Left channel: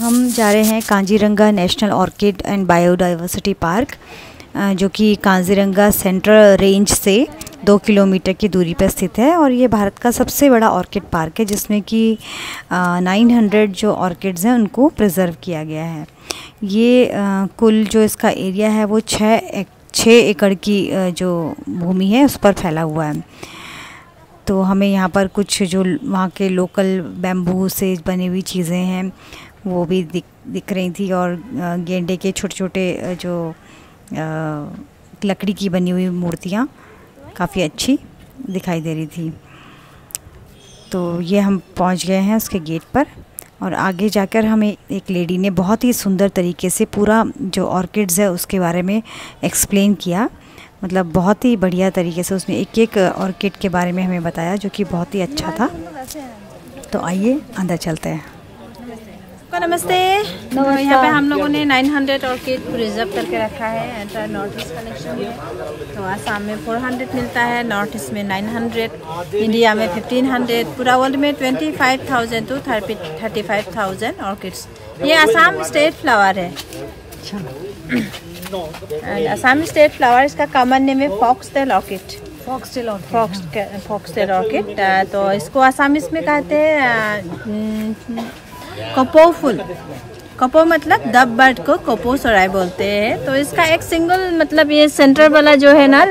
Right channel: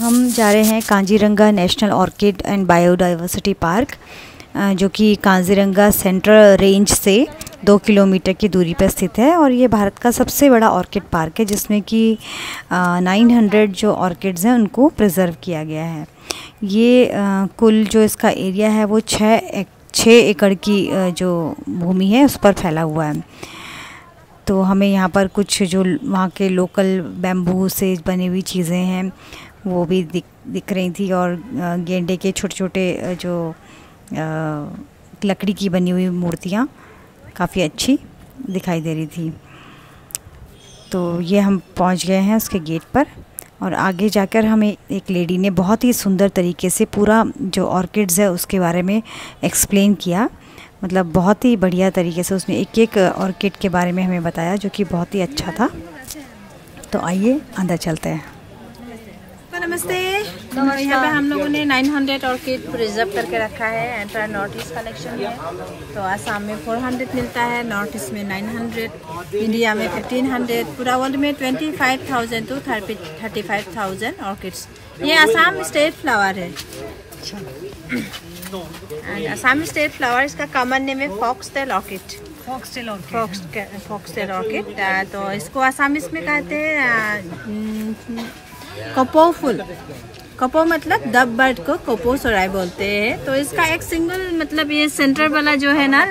हम जा रहे हैं Kaziranga national orchid and biodiversity park, जो कि काजीरंगा सेंट्रल रेंज से 2 किलोमीटर की दूरी पर स्थित है। और ये भारत का सबसे बड़ा ऑर्किड पार्क है, जिसमें कि 900 जो ऑर्किड्स हैं उनको प्रिजर्व किया गया है। ये कुल जो इसका एरिया है वो 6 एकड़ की जो भूमि है उस पर फैला हुआ है। तो हमें यहाँ पर कुछ जो वहाँ के लोकल बैम्बू से बनी हुई चीज़ें हैं वो भी दिख रही थी, और गेंडे के छोटे छोटे जो लकड़ी की बनी हुई मूर्तियाँ काफ़ी अच्छी दिखाई दे रही थी। तो ये हम पहुँच गए हैं उसके गेट पर, और आगे जाकर हमें एक लेडी ने बहुत ही सुंदर तरीके से पूरा जो ऑर्किड्स है उसके बारे में एक्सप्लेन किया। मतलब बहुत ही बढ़िया तरीके से उसने एक एक ऑर्किड के बारे में हमें बताया, जो कि बहुत ही अच्छा था। तो आइए अंदर चलते हैं। नमस्ते। तो यहाँ पे हम लोगों ने 900 ऑर्किड प्रिजर्व करके रखा है। एंटर नॉर्थ ईस्ट कलेक्शन में। तो आसाम में 400 मिलता है, नॉर्थ ईस्ट में 900, इंडिया में 1500, पूरा वर्ल्ड में 25,000 to 35,000 ऑर्किड्स। ये आसाम स्टेट फ्लावर है। आसाम स्टेट फ्लावर, इसका कॉमन नेम है फॉक्सटेल ऑर्किड। Foxtail orchid. तो इसको आसामीज में कहते हैं कपो फूल। कपो मतलब डब बर्ड को कपो सराय बोलते हैं। तो इसका एक सिंगल मतलब ये सेंटर वाला जो है ना,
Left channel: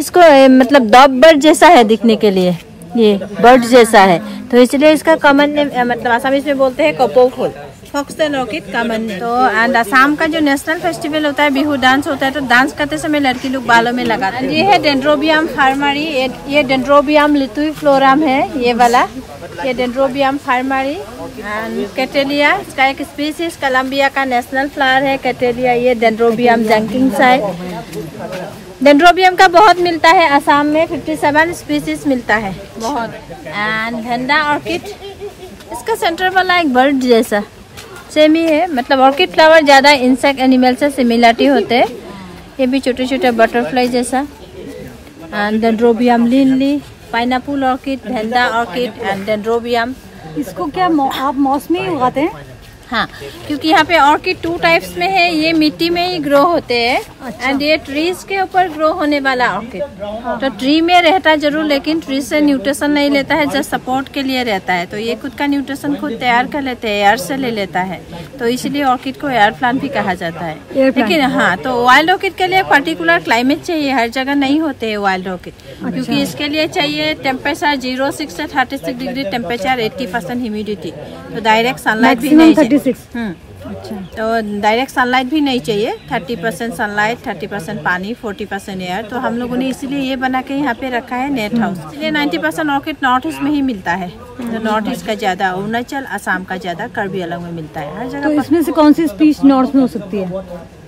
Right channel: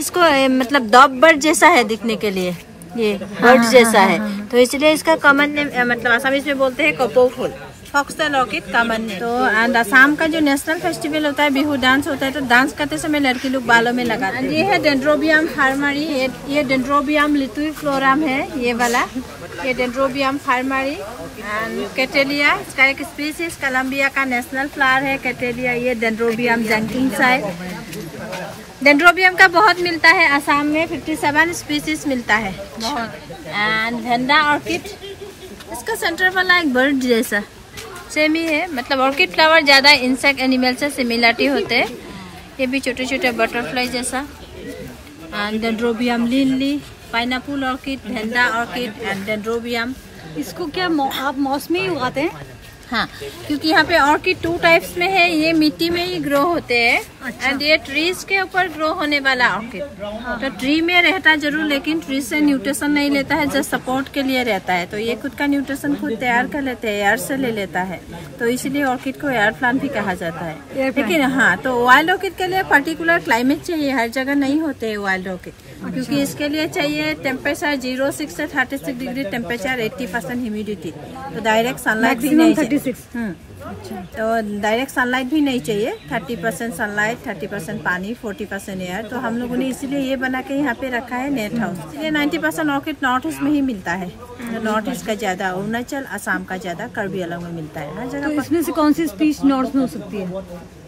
इसको मतलब डब बर्ड जैसा है दिखने के लिए, ये बर्ड जैसा है, तो इसलिए इसका कॉमन नेम मतलब आसामीज में बोलते हैं कपो फूल, फॉक्सटेल ऑर्किड कॉमन नेम। तो एंड आसाम का जो नेशनल फेस्टिवल होता है, बिहू डांस होता है, तो डांस करते समय लड़की लोग बालों में लगाते हैं। ये है डेंड्रोबियम फार्मरी। ये डेंड्रोबियम लिथुइफ्लोरम है, ये वाला, ये डेंड्रोबियम फार्मरी। एंड कैटेलिया, इसका एक स्पीसीज कोलंबिया का नेशनल फ्लावर है कैटेलिया। ये डेंड्रोबियम जैंकिंसाई। डेंड्रोबियम का बहुत मिलता है आसाम में, 57 स्पीसीज मिलता है बहुत। एंड भेंडा ऑर्किड, इसका सेंटर वाला एक बर्ड जैसा सेम ही है। मतलब ऑर्किड फ्लावर ज्यादा इंसेक्ट एनिमल से सिमिलरिटी होते हैं। ये भी छोटे छोटे बटरफ्लाई जैसा। And dendrobium lily, pineapple orchid, vanda orchid and dendrobium. इसको क्या आप मौसमी उगाते हैं? हाँ, क्योंकि यहाँ पे ऑर्किड 2 टाइप्स में है। ये मिट्टी में ही ग्रो होते हैं। अच्छा। एंड ये ट्रीज के ऊपर ग्रो होने वाला ऑर्किड। तो ट्री में रहता जरूर, लेकिन ट्री से न्यूट्रिशन नहीं लेता है, जस्ट सपोर्ट के लिए रहता है। तो ये खुद का न्यूट्रिशन खुद तैयार कर लेते हैं, एयर से ले लेता है। तो इसलिए ऑर्किड को एयर प्लांट भी कहा जाता है। लेकिन हाँ, तो वाइल्ड ऑर्किड के लिए पर्टिकुलर क्लाइमेट चाहिए, हर जगह नहीं होते है वाइल्ड ऑर्किड। क्योंकि इसके लिए चाहिए टेम्परेचर 06 से 36 डिग्री टेम्परेचर, 80% ह्यूमिडिटी। तो डायरेक्ट सनलाइट भी नहीं चाहिए। अच्छा। तो डायरेक्ट सनलाइट भी नहीं चाहिए। 30% सनलाइट, 30% पानी, 40% एयर। तो हम लोगों ने इसीलिए ये बना के यहाँ पे रखा है नेट हाउस। इसलिए 90% ऑर्किड नॉर्थ ईस्ट में ही मिलता है। तो नॉर्थ ईस्ट का ज्यादा, अरुणाचल, आसाम का ज्यादा, कार्बी आंगलॉन्ग में मिलता है हर जगह। तो इसमें से कौन सी स्पीच नॉर्थ में हो सकती है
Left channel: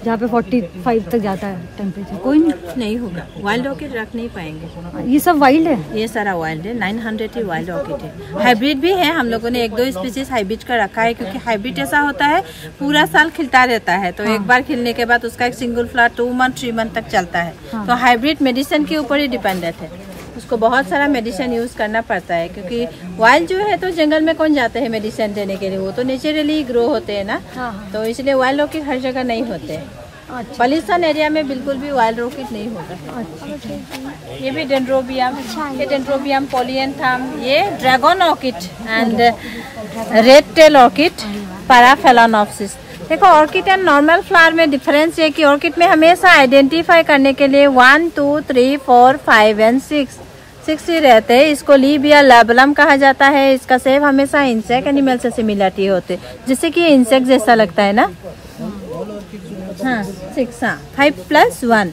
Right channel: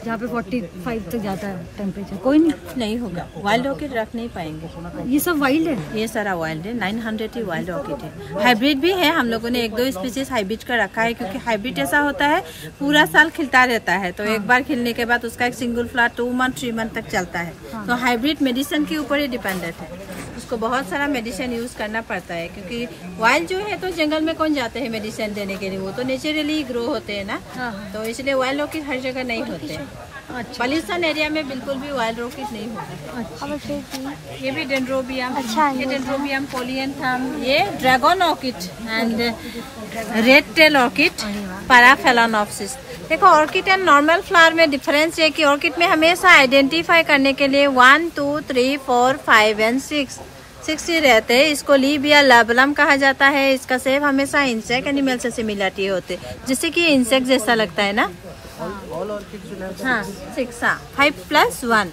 जहाँ पे 45 तक जाता है टेम्परेचर? कोई नहीं होगा। वाइल्ड ऑर्किड रख नहीं पाएंगे। ये सब वाइल्ड है? ये सारा वाइल्ड है। 900 ही वाइल्ड ऑर्किड है। हाइब्रिड भी है, हम लोगों ने 1-2 स्पीसीज हाइब्रिड का रखा है। क्योंकि हाइब्रिड ऐसा होता है पूरा साल खिलता रहता है। तो एक बार खिलने के बाद उसका एक सिंगल फ्लावर 2 मंथ 3 मंथ तक चलता है। तो हाइब्रिड मेडिसिन के ऊपर ही डिपेंडेंट है। उसको बहुत सारा मेडिसिन यूज करना पड़ता है। क्योंकि वाइल्ड जो है तो जंगल में कौन जाते हैं मेडिसिन देने के लिए, वो तो नेचुरली ग्रो होते हैं ना। तो इसलिए वाइल्ड ऑर्किड हर जगह नहीं होते हैं। पॉल्यूशन एरिया में बिल्कुल भी वाइल्ड ऑर्किड नहीं होता है। ये भी डेंड्रोबियम, ये डेंड्रोबियम पोलियंथम, ये dragon orchid and red tail orchid, paraphalaenopsis. देखो, ऑर्किड एंड नॉर्मल फ्लावर में डिफरेंस ये कि ऑर्किड में हमेशा आइडेंटिफाई करने के लिए 1, 2, 3, 4, 5 एंड 6 ही रहते हैं। इसको लीब या लैबलम कहा जाता है। इसका सेव हमेशा इंसेक्ट एनिमल से सिमिलरिटी होते, जिससे कि इंसेक्ट जैसा लगता है ना। हाँ, 6, 5+1,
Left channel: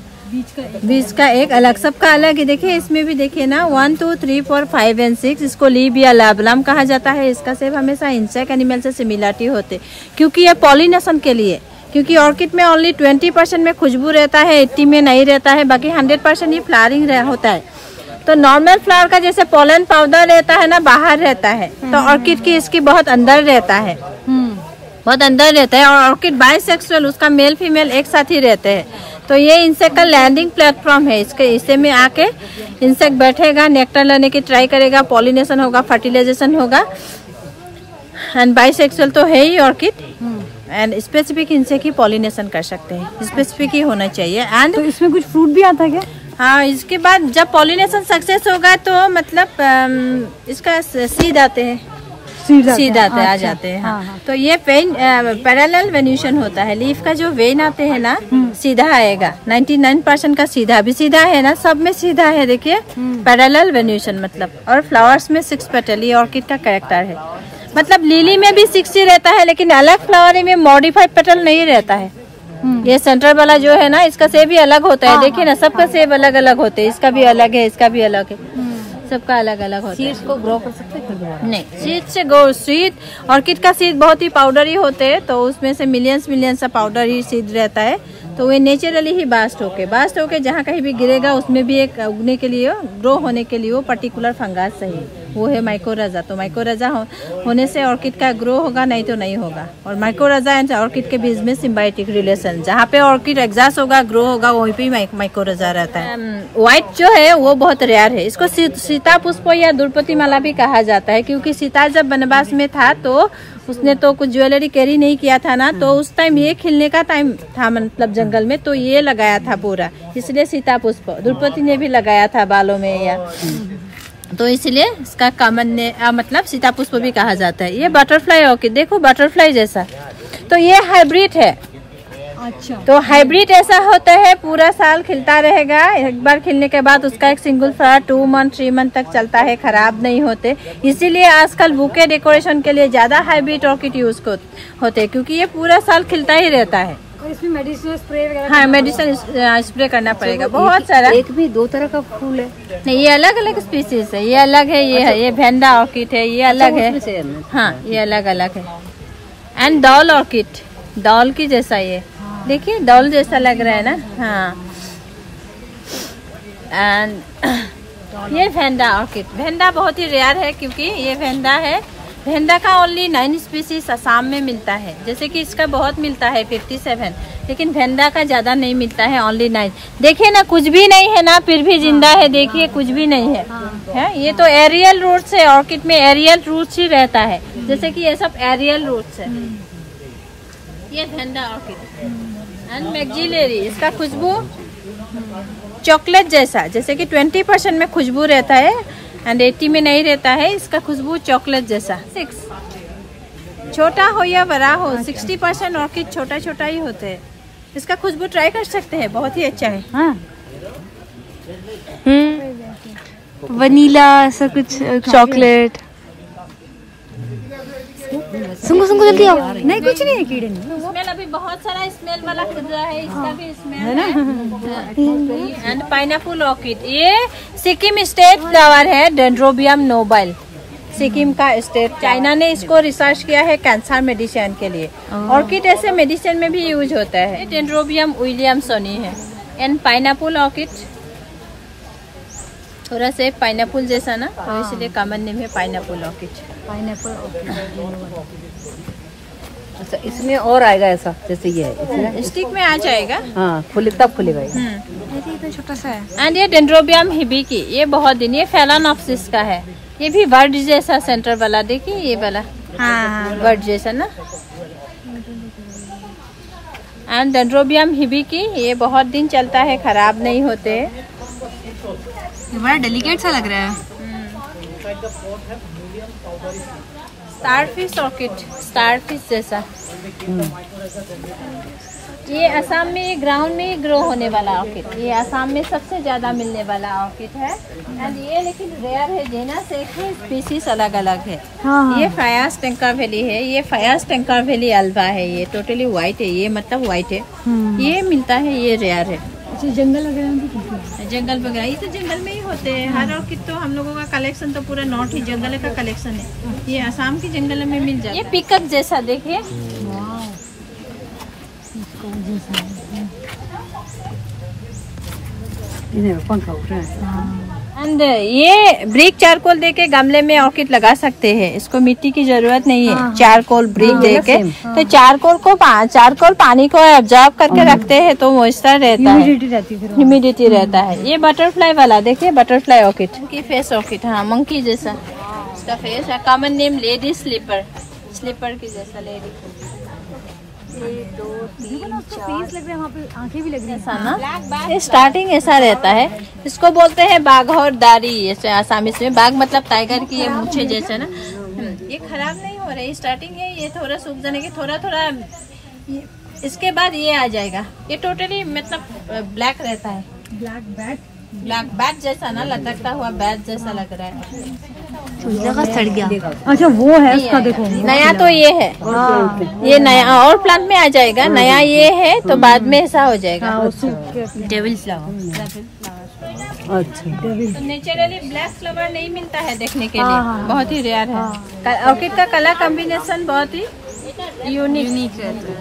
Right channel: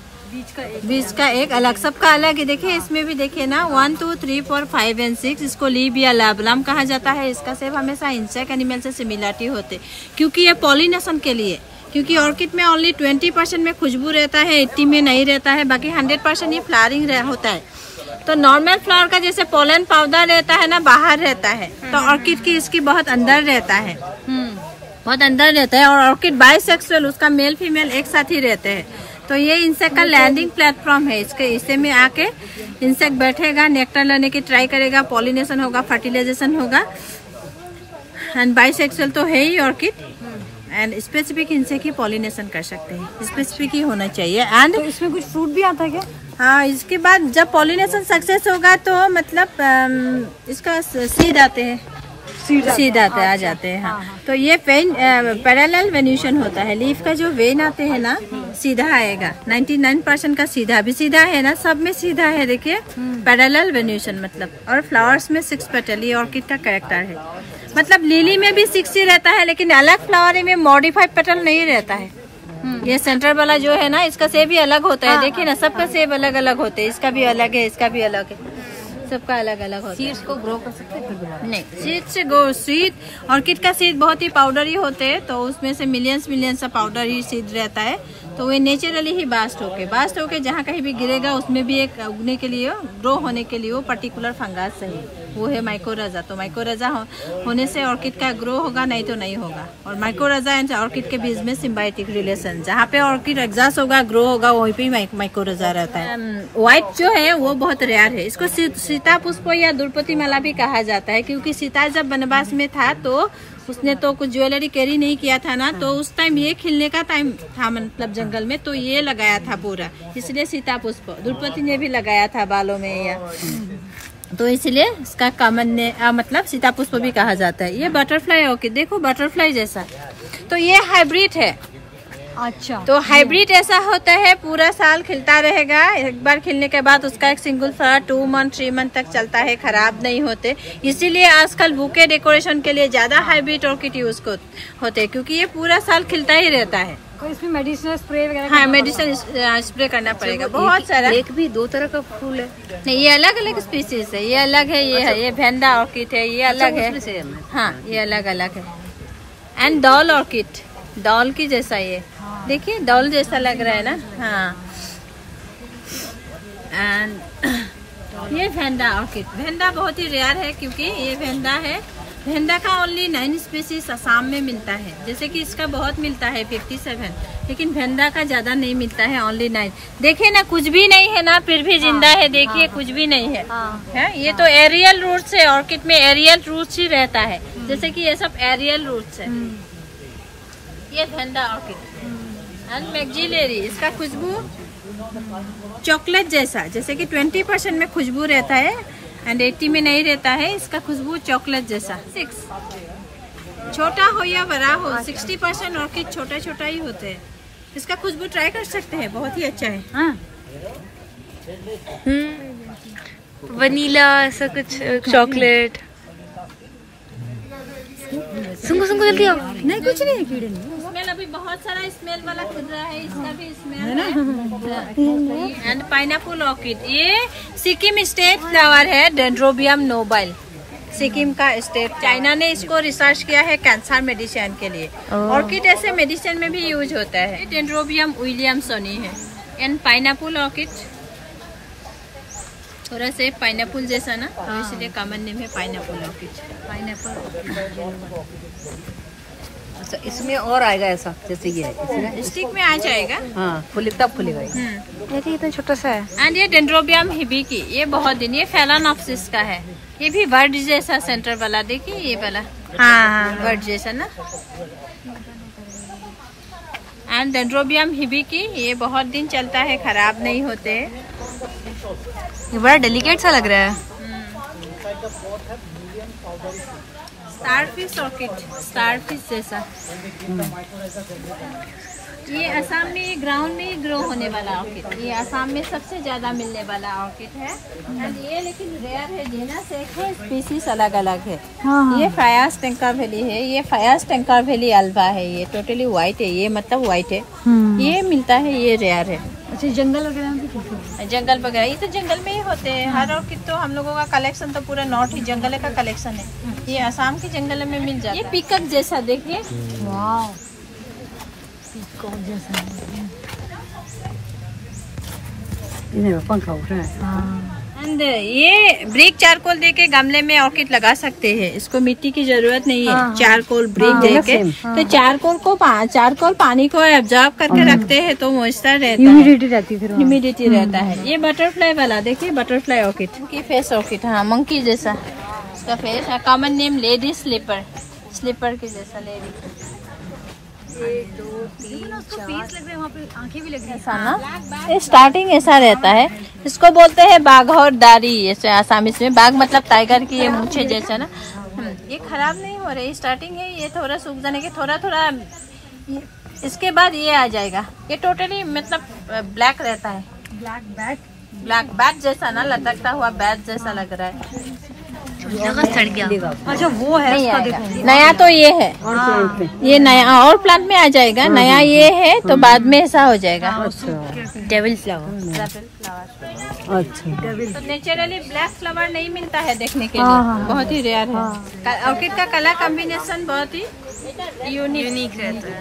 बीच का एक अलग, सबका अलग है। देखिए इसमें भी देखिए ना, 1, 2, 3, 4, 5 एंड 6। इसको लीब या लैबलम कहा जाता है। इसका सेव हमेशा इंसेक्ट एनिमल से सिमिलरिटी होते, क्योंकि ये पॉलिनेशन के लिए। क्योंकि ऑर्किड में ओनली 20% में खुशबू रहता है, 80 में नहीं रहता है, बाकी 100% ही फ्लावरिंग होता है। तो नॉर्मल फ्लावर का जैसे पोलन पाउडर रहता है ना, बाहर रहता है, तो ऑर्किड की इसकी बहुत अंदर रहता है, बहुत अंदर रहता है। और ऑर्किड बाइसेक्सुअल, उसका मेल फीमेल एक साथ ही रहते हैं। तो ये इंसेक्ट का लैंडिंग प्लेटफॉर्म है। इसके इसे में आके इंसेक्ट बैठेगा, नेक्टर लेने की ट्राई करेगा, पॉलिनेशन होगा, फर्टिलाइजेशन होगा। एंड बाइसेक्सुअल तो है ही ऑर्किड। एंड स्पेसिफिक इनसे की पॉलिनेशन कर सकते हैं, स्पेसिफिक ही होना चाहिए। एंड तो इसमें कुछ फ्रूट भी आता है क्या? हाँ, इसके बाद जब पॉलिनेशन सक्सेस होगा तो मतलब इसका सीड आते हैं, सीधा आ जाते हैं। हाँ, तो ये पैरेलल वेन्यूशन होता है। लीफ का जो वेन आते हैं ना, सीधा आएगा। 99% का सीधा भी सीधा है ना, सब में सीधा है। देखिए पैरेलल वेन्यूशन मतलब। और फ्लावर्स में 6 पेटल, ये ऑर्किड का कैरेक्टर है। मतलब लिली में भी 6 ही रहता है, लेकिन अलग फ्लावर में मॉडिफाइड पेटल नहीं रहता है। ये सेंटर वाला जो है ना, इसका सेब भी अलग होता है। देखिए ना, सबका सेब अलग अलग होते हैं। इसका भी अलग है, इसका भी अलग है, सबका अलग अलग होता है। सीड्स को ग्रो कर सकते हैं? नहीं, सीड से ग्रो, सीड ऑर्किड का सीड बहुत ही पाउडरी होते हैं, तो उसमें से मिलियंस का पाउडर ही सीड रहता है। तो वो नेचुरली ही बास्ट होके जहाँ कहीं भी गिरेगा उसमें भी एक उगने के लिए, ग्रो होने के लिए वो पर्टिकुलर फंगास चाहिए, वो है माइकोरजा। तो माइकोरजा होने से ऑर्किड का ग्रो होगा, नहीं तो नहीं होगा। और माइकोरजा एंड ऑर्किड के बीच में सिम्बायोटिक रिलेशन, जहाँ पे ऑर्किड एग्जॉस्ट होगा, ग्रो होगा, वहीं पे माइकोरजा रहता है। व्हाइट जो है वो बहुत रेयर है। इसको सीता पुष्प या द्रौपदी माला भी कहा जाता है, क्योंकि सीता जब वनवास में था तो उसने तो कुछ ज्वेलरी कैरी नहीं किया था ना, तो उस टाइम ये खिलने का टाइम था, मतलब जंगल में, तो ये लगाया था पूरा, इसलिए सीता पुष्प। द्रौपदी ने भी लगाया था बालों में, या तो इसलिए इसका कॉमन ने मतलब सीता पुष्प भी कहा जाता है। ये बटरफ्लाई ऑर्किड देखो, बटरफ्लाई जैसा, तो ये हाइब्रिड है। अच्छा, तो हाइब्रिड ऐसा होता है पूरा साल खिलता रहेगा। एक बार खिलने के बाद उसका एक सिंगल फ्लावर 2 मंथ 3 मंथ तक चलता है, खराब नहीं होते। इसीलिए आजकल बुके डेकोरेशन के लिए ज्यादा हाइब्रिड ऑर्किड यूज होते हैं, क्योंकि ये पूरा साल खिलता ही रहता है। इसमें मेडिसिन स्प्रे वगैरह? हाँ, मेडिसिन स्प्रे करना पड़ेगा, बहुत सारा। एक भी 2 तरह का फूल है? नहीं, ये अलग अलग स्पीसीज है। ये अलग है, ये है, ये भेंडा ऑर्किड है, ये अलग है। हाँ, ये अलग अलग है। एंड डॉल ऑर्किड, डॉल की जैसा, ये देखिए डॉल जैसा लग रहा है ना। हाँ, एंड ये भेंडा ऑर्किड, भेंडा बहुत ही रेयर है, क्योंकि ये भेंडा है। भेंडा का ओनली 9 स्पीसीज असम में मिलता है, जैसे कि इसका बहुत मिलता है 57, लेकिन भेंडा का ज्यादा नहीं मिलता है, ओनली 9। देखिए ना, कुछ भी नहीं है ना, फिर भी जिंदा है। देखिए कुछ भी नहीं है। हाँ, ये तो एरियल रूट्स है। ऑर्किड में एरियल रूट्स ही रहता है, जैसे कि ये सब एरियल रूट्स है। ये भेंडा ऑर्किड एंड मैक्सिलरी, इसका खुशबू चॉकलेट जैसा, जैसे कि 20% में खुशबू रहता है एंड 80 में नहीं रहता है। इसका खुशबू चॉकलेट जैसा। 6 छोटा हो या बड़ा हो, 60% ऑर्किड छोटा छोटा ही होते हैं। इसका खुशबू ट्राई कर सकते हैं, बहुत ही अच्छा है। हाँ, वनीला ऐसा कुछ, चॉकलेट। सुंगो जल्दी आओ। नहीं, कुछ नहीं है, कीड़े नहीं। स्मेल अभी बहुत सारा स्मेल वाला खुद रहा है, इसका भी स्मेल है। एंड पाइनएप्पल ऑर्किड, ये सिक्किम स्टेट फ्लावर है, डेंड्रोबियम नोबल, सिक्किम का स्टेट। चाइना ने इसको रिसर्च किया है कैंसर मेडिसिन के लिए। ऑर्किड ऐसे मेडिसिन में भी यूज होता है। डेंड्रोबियम विलियमसनी है। एंड पाइनएप्पल ऑर्किड थोड़ा से पाइनएप्पल जैसा ना, तो इसलिए कॉमन नेम है पाइनएप्पल ऑर्किड। Pineapple orchid. अच्छा, इसमें और आएगा ऐसा जैसे ये है, स्टिक में आ जाएगा। हाँ, तब खुलेगा। ये इतना छोटा सा है। एंड ये डेंड्रोबियम हिबिकी, ये बहुत दिन, ये फेलानॉप्सिस का है। ये भी बर्ड जैसा सेंटर वाला, देखिए ये वाला। हाँ, बर्ड जैसा ना। एंड डेंड्रोबियम हिबिकी, ये बहुत दिन चलता है, खराब नहीं होते। ये बड़ा डेलिकेट सा लग रहा है। स्टारफिश ऑर्किड, स्टारफिश जैसा। ये असम में ग्राउंड में ही ग्रो होने वाला ऑर्किड, ये असम में सबसे ज्यादा मिलने वाला ऑर्किड है। एंड ये लेकिन रेयर है, जेनस एक है, स्पीसीज अलग अलग है। हाँ। ये फायास टेंका वैली है, ये फायास टेंका वैली अल्वा है। ये टोटली व्हाइट है, ये मतलब व्हाइट है। ये मिलता है, ये रेयर है। जंगल वगैरह में भी, जंगल वगैरह ये तो जंगल में ही होते हैं। हर ऑर्किड तो हम लोगों का कलेक्शन तो पूरा नॉर्थ ही जंगल का कलेक्शन है। ये असम के जंगल में मिल जाता है। ये पिकअप जैसा, देखिए। पंखा उठ रहा है। एंड ये ब्रिक चारकोल देके गमले में ऑर्किड लगा सकते हैं, इसको मिट्टी की जरूरत नहीं है। चारकोल ब्रिक देके, तो चारकोल पानी को एब्जॉर्ब करके रखते हैं, तो मॉइस्चर रहता है, ह्यूमिडिटी रहता है। ये बटरफ्लाई वाला देखिए, बटरफ्लाई ऑर्किड की फेस ऑर्किड, हाँ, मंकी जैसा इसका फेस है। Common name lady slipper, slipper की जैसा लेडी। स्टार्टिंग ऐसा रहता है, इसको बोलते हैं बाघौर दारी, ऐसे आसामी में। बाघ मतलब टाइगर की ये मूंछें जैसा ना। ये खराब नहीं हो रही, स्टार्टिंग है, ये थोड़ा सूख जाने के थोड़ा थोड़ा, इसके बाद ये आ जाएगा। ये टोटली मतलब ब्लैक रहता है, ब्लैक बैट जैसा ना, लटकता हुआ बैट जैसा लग रहा है। सड़ गया। अच्छा वो है, इसको देखो। नया तो ये है, ये नया और प्लांट में आ जाएगा। नया ये है तो बाद में ऐसा हो जाएगा। Devil flower. अच्छा, तो नेचुरली ब्लैक फ्लावर नहीं मिलता है देखने के लिए, बहुत ही रेयर है। ऑर्किड का कलर कॉम्बिनेशन बहुत ही यूनिक रहता है।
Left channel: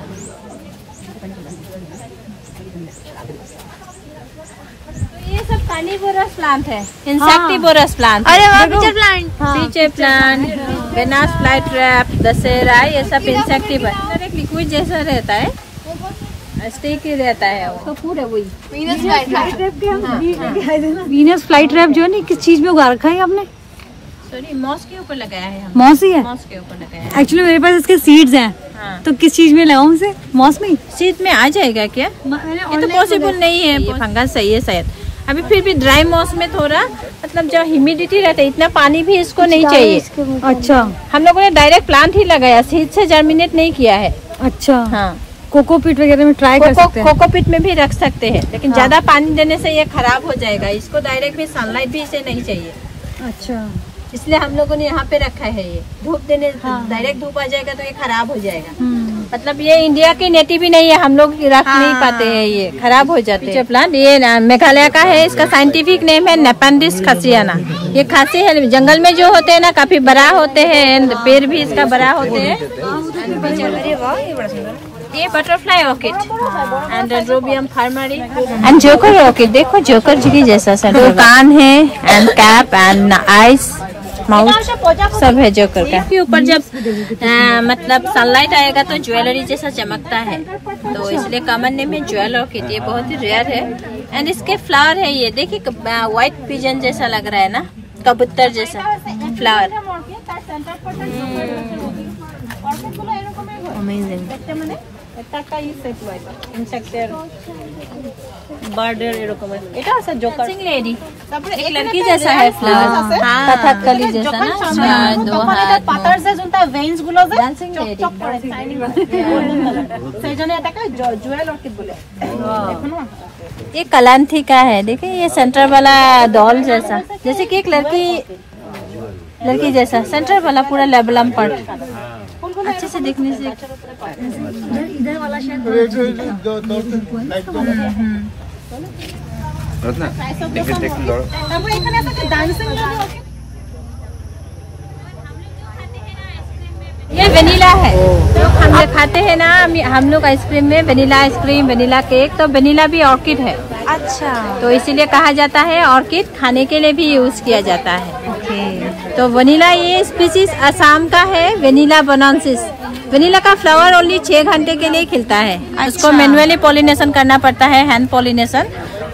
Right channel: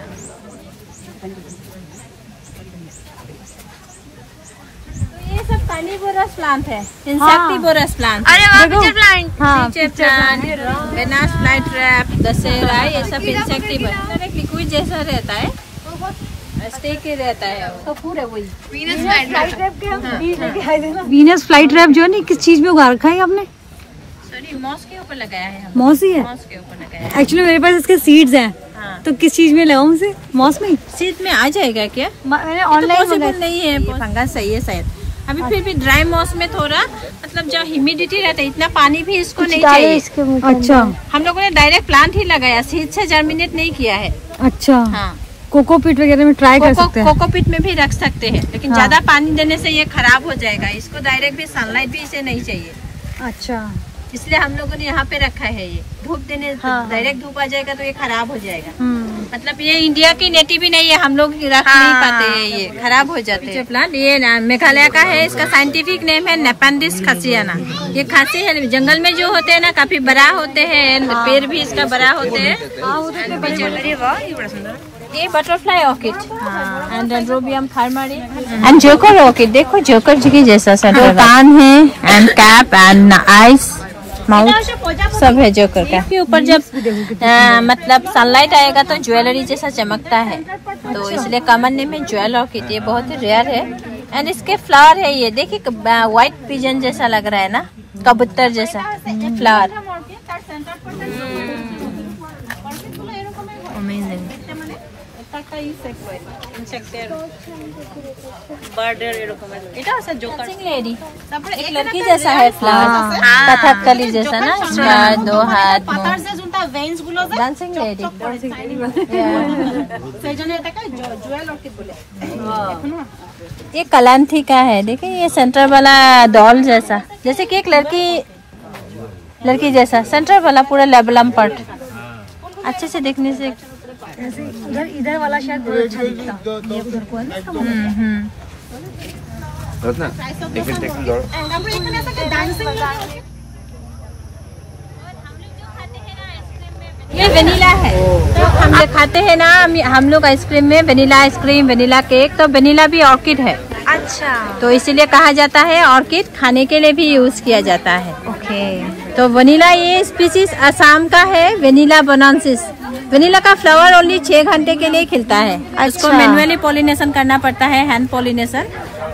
ये सब कार्निवोरस प्लांट है, इंसेक्टिवोरस प्लांट। अरे वाह, पिक्चर प्लांट, पीछे प्लांट, वेनस फ्लाईट्रैप, दशहरा, ये सब इंसेक्टिवोरस। एक लिक्विड जैसा रहता है, स्टिक ही रहता है वो पूरे। वही वीनस फ्लाईट्रैप जो है किस चीज में उगा रखा है आपने? सॉरी, मॉस के ऊपर लगाया है। मॉस ही है? मॉस के ऊपर लगाया है। एक्चुअली मेरे पास इसके सीड्स हैं। तो किस चीज में लगाऊं उसे? मॉस में? सीड में आ जाएगा क्या? ये तो पॉसिबल नहीं है, फंगस सही है शायद। अभी फिर भी ड्राई मॉस में थोड़ा मतलब जो ह्यूमिडिटी रहता है, इतना पानी भी इसको नहीं चाहिए। अच्छा, हम लोगों ने डायरेक्ट प्लांट ही लगाया, सीड से जर्मिनेट नहीं किया है। अच्छा, हाँ। कोकोपीट वगैरह में ट्राई कर सकते हैं। कोकोपीट में भी रख सकते हैं, लेकिन ज्यादा पानी देने से ये खराब हो जाएगा। इसको डायरेक्ट भी सनलाइट भी इसे नहीं चाहिए। अच्छा, इसलिए हम लोगों ने यहाँ पे रखा है। ये धूप देने, डायरेक्ट धूप आ जाएगा तो ये खराब हो जाएगा। मतलब ये इंडिया की नेटिव भी नहीं है, हम लोग रख नहीं पाते हैं, ये खराब हो जाते हैं। प्लांट ये मेघालय का है, इसका साइंटिफिक नेम है नेपेंडिस खासियाना। ये खासी है, जंगल में जो होते हैं ना, काफी बड़ा होते हैं, पेड़ भी इसका बड़ा होते हैं। ये butterfly orchid and dendrobium farmeri and joker orchid. देखो जोकर जी की जैसा कान है and cap and eyes, mouth सब है जोकर का। के ऊपर जब मतलब सनलाइट आएगा तो ज्वेलरी जैसा चमकता है, तो इसलिए कॉमन नेम है ज्वेल ऑर्किड। ये बहुत ही रेयर है एंड इसके फ्लावर है, ये देखिए व्हाइट पिजन जैसा लग रहा है ना, कबूतर जैसा फ्लावर। अमेजिंग। एक लड़की जैसा है फ्लावर, कथकली जैसा ना, दो हाथ। ये कलांथी का है, देखिए ये सेंटर वाला डॉल जैसा, जैसे कि एक लड़की जैसा सेंटर वाला पूरा लेबलम पार्ट अच्छे से देखने से। इधर वाला शायद ये वेनिला है। हम खाते हैं ना हम लोग आइसक्रीम में, वेनिला आइसक्रीम, वेनिला केक, तो वेनिला भी ऑर्किड है। अच्छा, तो इसीलिए कहा जाता है ऑर्किड खाने के लिए भी यूज किया जाता है। ओके। तो वेनिला ये स्पीसीज असम का है, वेनिला बोनांसिस। वेनिला का फ्लावर ओनली 6 घंटे के लिए खिलता है। अच्छा। उसको मैनुअली पॉलिनेशन करना पड़ता है, हैंड पॉलिनेशन।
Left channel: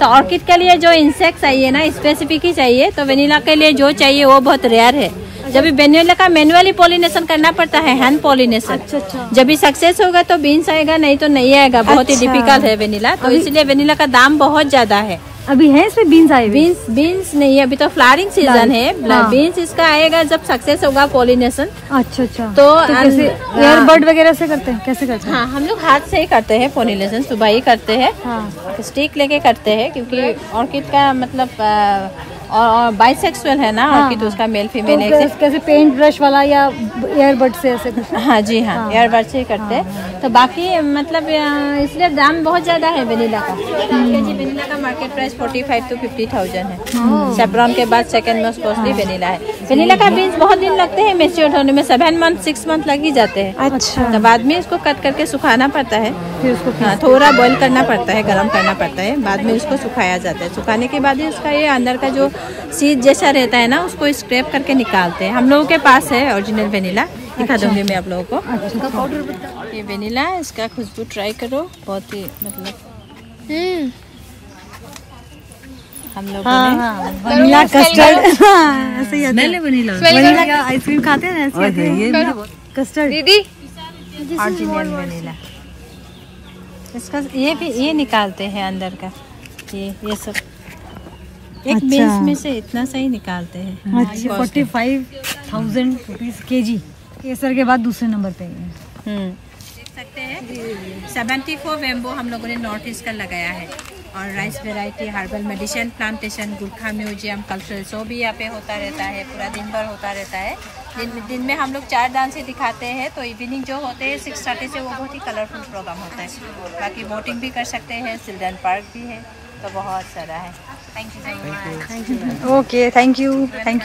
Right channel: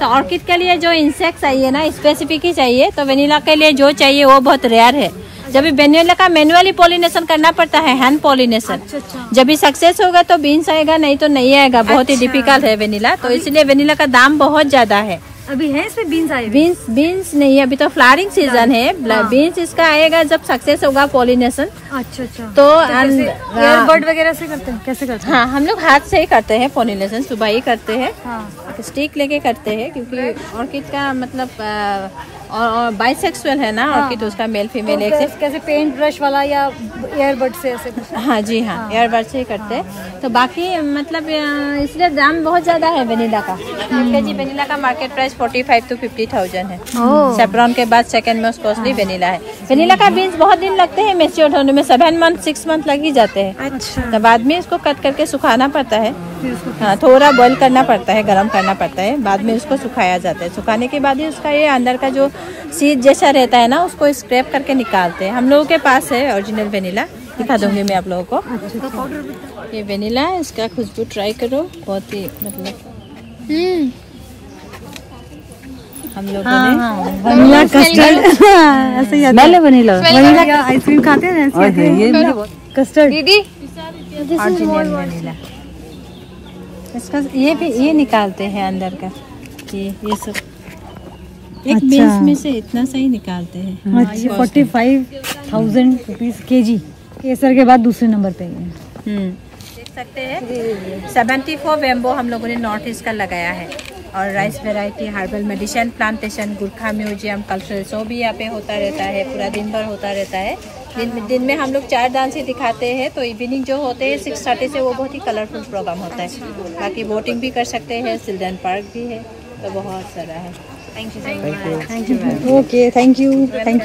तो ऑर्किड के लिए जो इंसेक्ट चाहिए ना, स्पेसिफिक ही चाहिए, तो वेनिला के लिए जो चाहिए वो बहुत रेयर है। जब वेनिला का मैनुअली पॉलिनेशन करना पड़ता है, हैंड पॉलिनेशन। जब भी सक्सेस होगा तो बीन्स आएगा, नहीं तो नहीं आएगा। बहुत ही डिफिकल्ट है वेनिला, तो इसलिए वेनिला का दाम बहुत ज्यादा है। अभी है इसमें बीन्स आए? बीन्स नहीं है, अभी तो फ्लावरिंग सीजन है। बीन्स इसका आएगा जब सक्सेस होगा पॉलिनेशन। अच्छा अच्छा। तो एयरबड वगैरह से करते हैं? कैसे करते हैं? हाँ, हम लोग हाथ से ही करते हैं पॉलिनेशन, सुबह ही करते हैं। स्टिक लेके करते हैं, क्योंकि ऑर्किड का मतलब और बाइसेक्सुअल है ना ऑर्किड, तो उसका मेल फीमेल एक से। कैसे पेंट ब्रश वाला या एयरबड से ऐसे? हाँ जी हाँ, एयरबड से ही करते हैं। तो बाकी मतलब इसलिए दाम बहुत ज्यादा है वेनिला का। वेनिला का मार्केट प्राइस 45 to 50,000 है। सेफ्रॉन के बाद सेकंड मोस्ट कॉस्टली वेनिला है। वेनिला का बीन्स बहुत दिन लगते हैं मैच्योर होने में, 7 month 6 month लग ही जाते हैं। अच्छा। तो बाद में इसको कट करके सुखाना पड़ता है, फिर उसको थोड़ा बॉईल करना पड़ता है, गर्म करना पड़ता है, बाद में उसको सुखाया जाता है। सुखाने के बाद ही उसका ये अंदर का जो सीड जैसा रहता है ना, उसको स्क्रैप करके निकालते हैं। हम लोगों के पास है ओरिजिनल वेनिला, दिखा दूंगी मैं आप लोगों को। अच्छा, पाउडर। ये वेनिला, इसका खुशबू ट्राई करो, बहुत ही मतलब हम लोगों ने वनीला कस्टर्ड ऐसे ही आता है। वनीला का आइसक्रीम खाते हैं ऐसे। Custard original vanilla. इसका ये भी ये निकालते हैं अंदर का, ये सब एक अच्छा। बेस में से इतना सही निकालते हैं। अच्छा, 45,000 रुपीज kg। ये सर के बाद दूसरे नंबर पे है। देख सकते हैं 74 बेम्बो हम लोगों ने नॉर्थ ईस्ट का लगाया है, और rice variety, herbal medicine plantation, Gurkha museum, cultural show भी यहाँ पे होता रहता है, पूरा दिन भर होता रहता है। दिन में हम लोग 4 डांस ही दिखाते हैं, तो इवनिंग जो होते हैं 6:30 से वो बहुत ही कलरफुल प्रोग्राम होता है। बाकी बोटिंग भी कर सकते हैं, चिल्ड्रन पार्क भी है, तो बहुत सारा है। Thank you so much. Okay, thank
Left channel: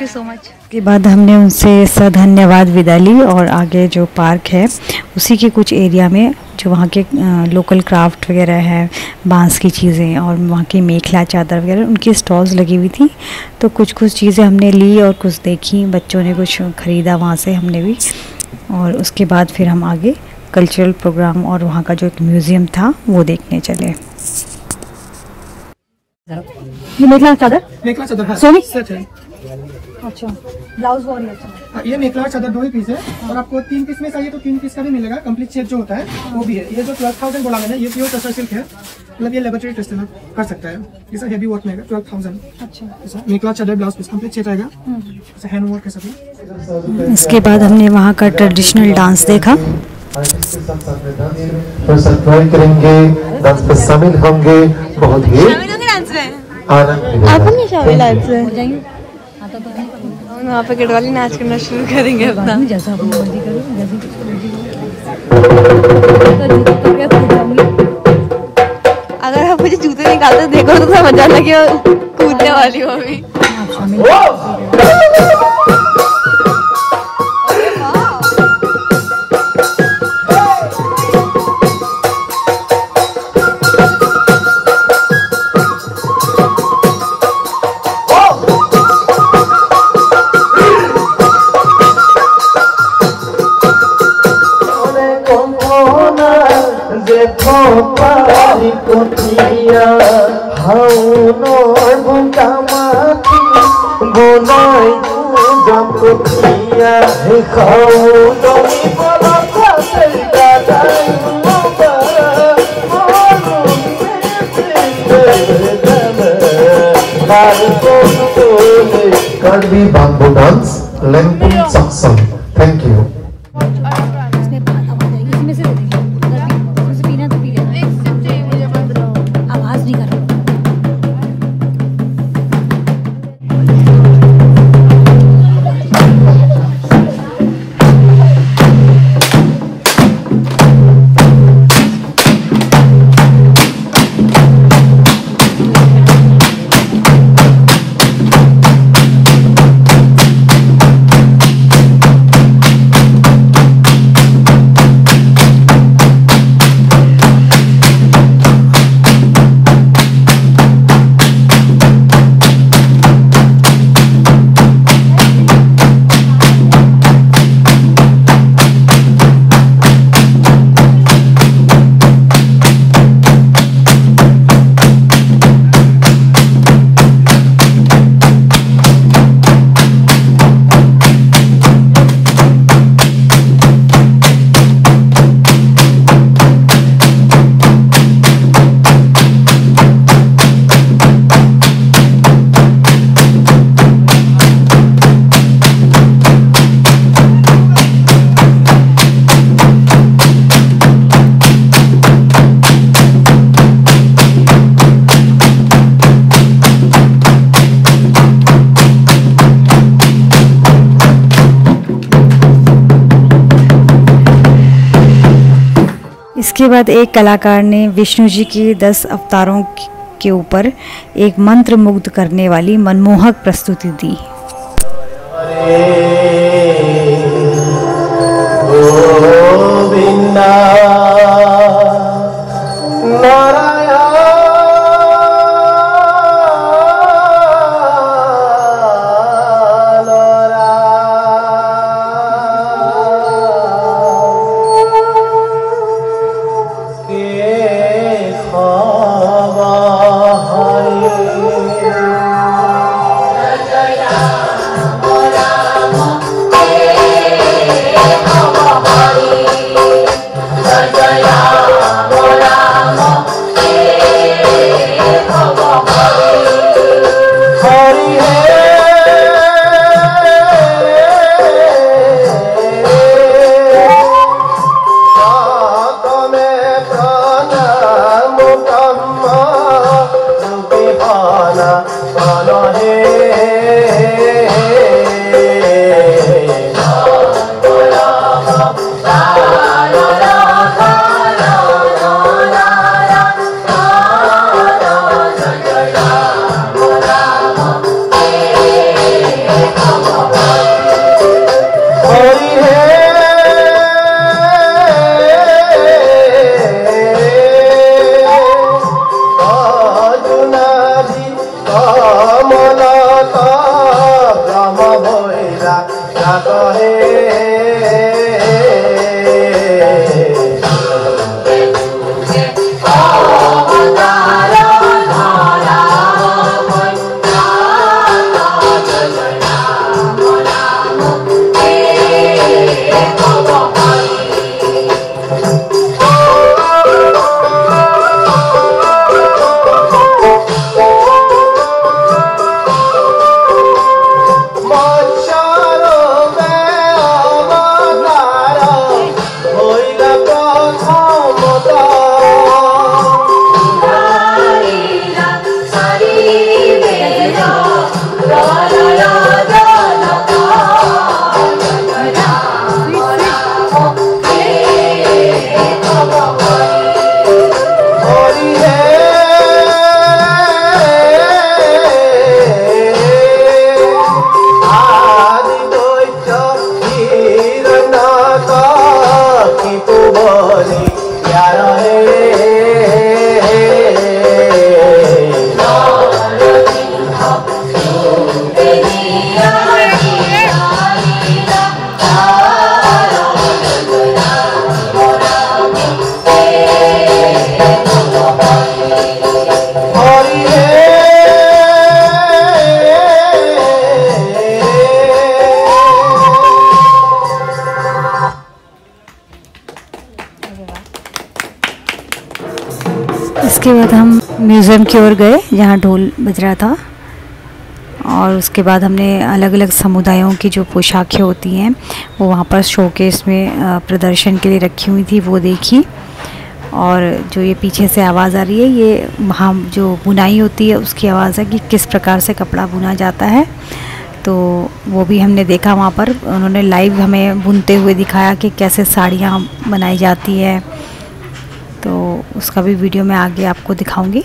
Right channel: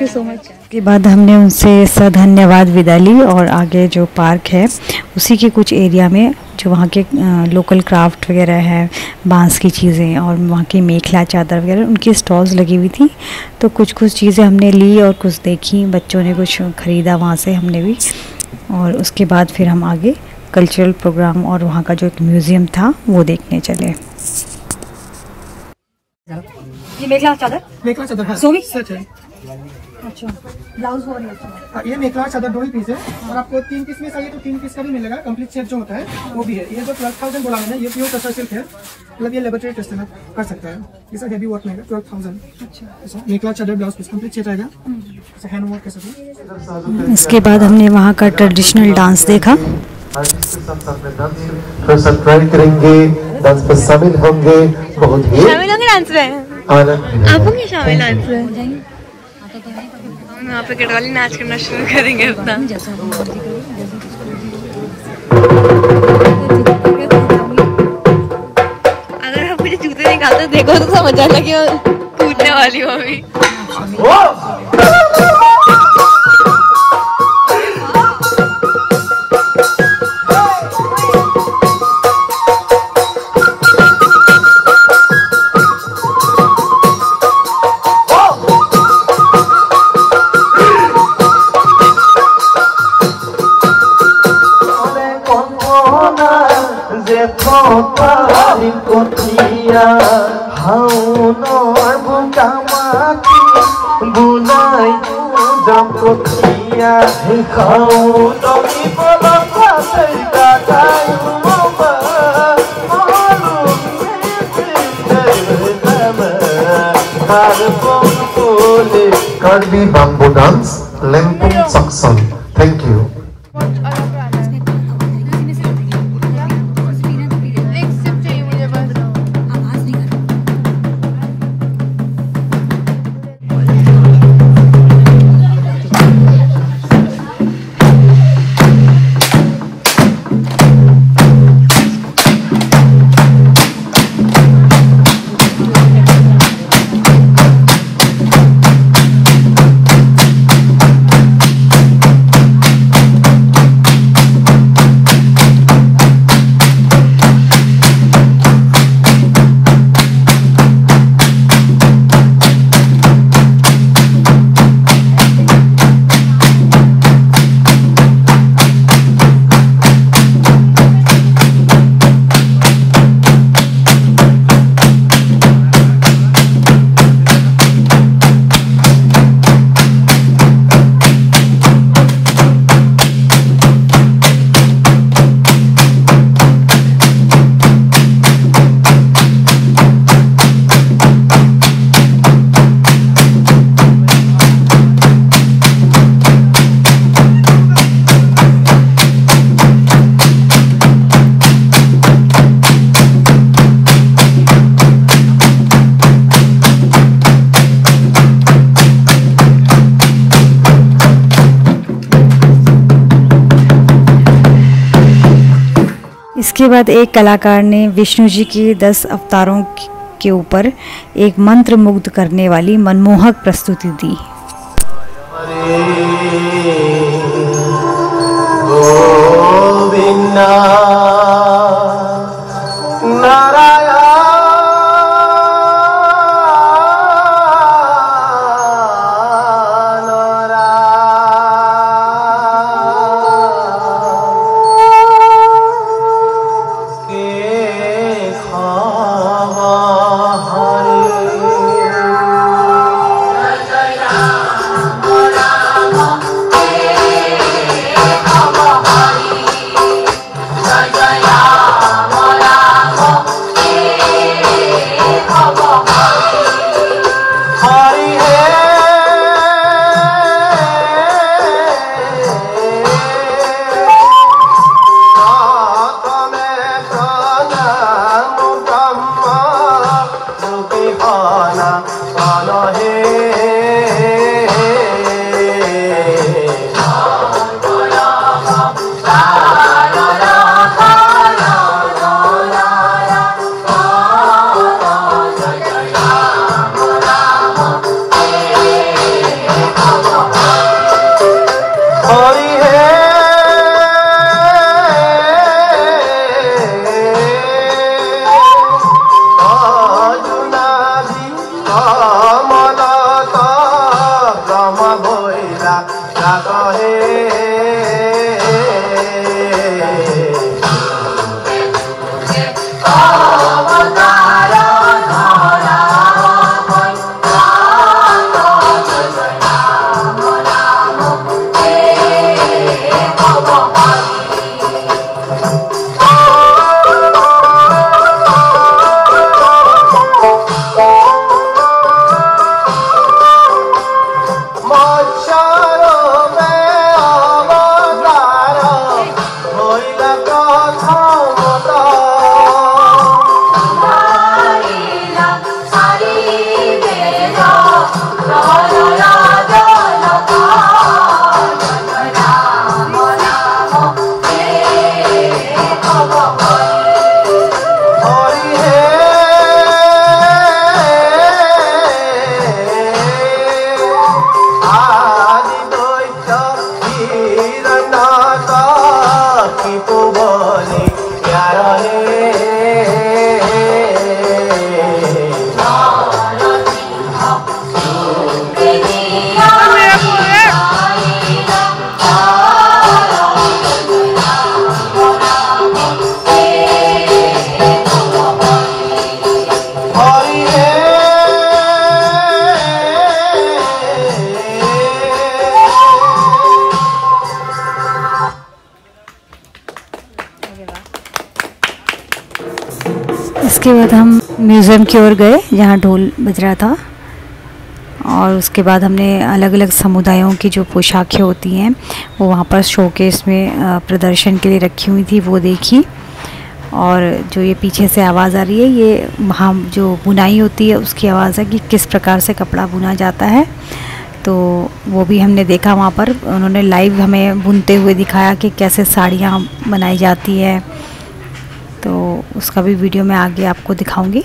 you so much. के बाद हमने उनसे सधन्यवाद विदा ली और आगे जो पार्क है उसी के कुछ एरिया में जो वहाँ के लोकल क्राफ्ट वगैरह है, बांस की चीज़ें और वहाँ की मेखला चादर वगैरह, उनकी स्टॉल्स लगी हुई थी। तो कुछ चीज़ें हमने ली और कुछ देखी, बच्चों ने कुछ ख़रीदा वहाँ से, हमने भी। और उसके बाद फिर हम आगे कल्चरल प्रोग्राम और वहाँ का जो एक म्यूज़ियम था वो देखने चले। ये मेखला चादर है, सोनी? सच है। अच्छा, ब्लाउज बहुत अच्छा। ये मेखला चादर 2 ही पीस है, और आपको 3 पीस में चाहिए तो 3 पीस का भी मिलेगा। कंप्लीट सेट जो होता है वो भी है। ये जो 12,000 बोला मैंने, ये प्योर टसर सिल्क है, मतलब ये लेबोरेटरी टेस्ट में कर सकता है। ये सब हेवी वर्क में 12,000। अच्छा, मेखला चादर ब्लाउज पीस कंप्लीट सेट आएगा, जैसे हैंड वर्क कैसा भी। इसके बाद हमने वहाँ का ट्रेडिशनल डांस देखा। सब्सक्राइब करेंगे, डांस में शामिल होंगे, बहुत ही डांस में आप नहीं शामिल डांस में। हम वहाँ पे गढ़वाली नाच करना शुरू करेंगे अपना। अगर आप मुझे जूते निकालते देखो तो समझ आना कि कूदने वाली हूँ अभी। Karbi Bamboo Dance, Lengpung Saksam. Thank you. इसके बाद एक कलाकार ने विष्णु जी के 10 अवतारों के ऊपर एक मंत्र मुग्ध करने वाली मनमोहक प्रस्तुति दी। इसके बाद हम म्यूज़ियम की ओर गए जहाँ ढोल बज रहा था, और उसके बाद हमने अलग अलग समुदायों की जो पोशाकें होती हैं वो वहाँ पर शोकेस में प्रदर्शन के लिए रखी हुई थी, वो देखी। और जो ये पीछे से आवाज़ आ रही है, ये वहाँ जो बुनाई होती है उसकी आवाज़ है कि किस प्रकार से कपड़ा बुना जाता है। तो वो भी हमने देखा वहाँ पर, उन्होंने लाइव हमें बुनते हुए दिखाया कि कैसे साड़ियाँ बनाई जाती है। तो उसका भी वीडियो मैं आगे आपको दिखाऊंगी।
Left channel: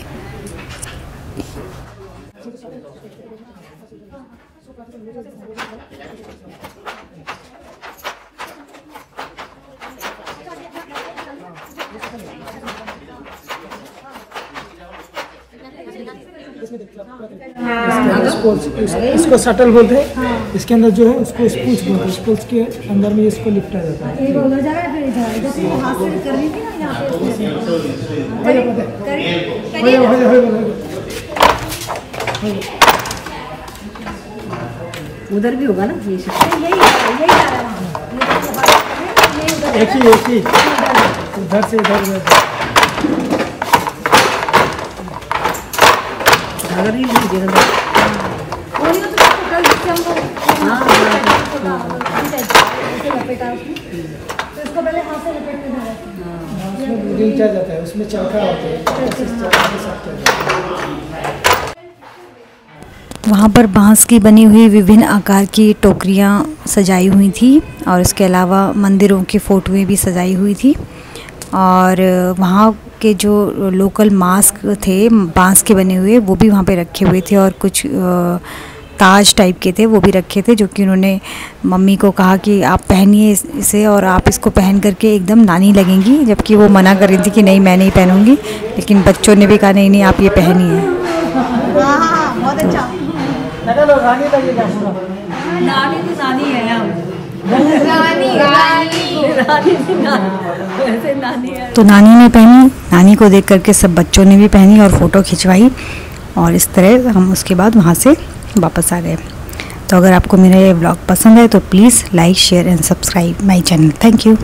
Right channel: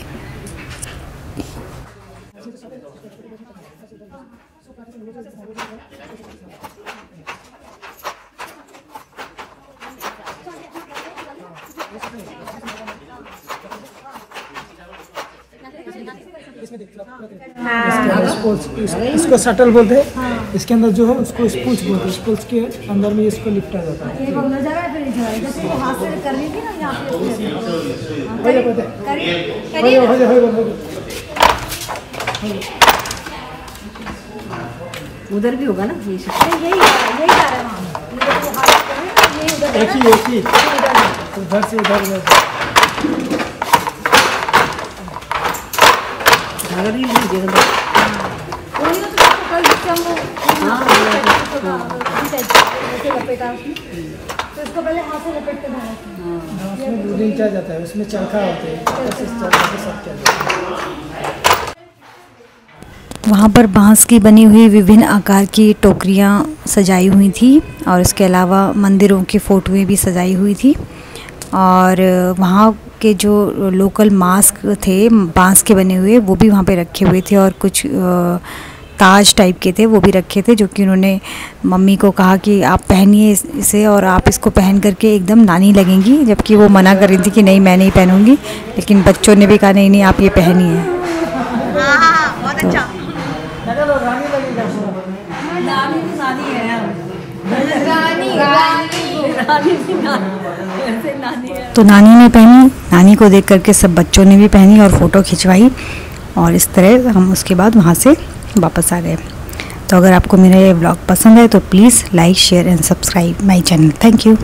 इसको शटल बोलते हैं, इसके अंदर जो है उसको स्पूच बोलते हैं। स्पूच के अंदर में इसको लिपटा जाता है। उधर भी होगा ना, एक ही उधर से उधर जाता है, उसमें चरखा होता है। वहाँ पर बांस की बनी हुई विभिन्न आकार की टोकरियाँ सजाई हुई थी, और इसके अलावा मंदिरों की फ़ोटोएँ भी सजाई हुई थी। और वहाँ के जो लोकल मास्क थे बांस के बने हुए, वो भी वहाँ पे रखे हुए थे, और कुछ ताज टाइप के थे वो भी रखे थे, जो कि उन्होंने मम्मी को कहा कि आप पहनिए इसे और आप इसको पहन करके एकदम नानी लगेंगी, जबकि वो मना कर रही थी कि नहीं मैं नहीं पहनूंगी, लेकिन बच्चों ने भी कहा नहीं नहीं आप ये पहनिए। बहुत अच्छा। तो नानी ने पहनी, नानी को देख करके सब बच्चों ने भी पहनी और फ़ोटो खिंचवाई, और इस तरह हम उसके बाद वहाँ से वापस आ गए। तो अगर आपको मेरा ये व्लॉग पसंद है तो please like share and subscribe my channel. Thank you.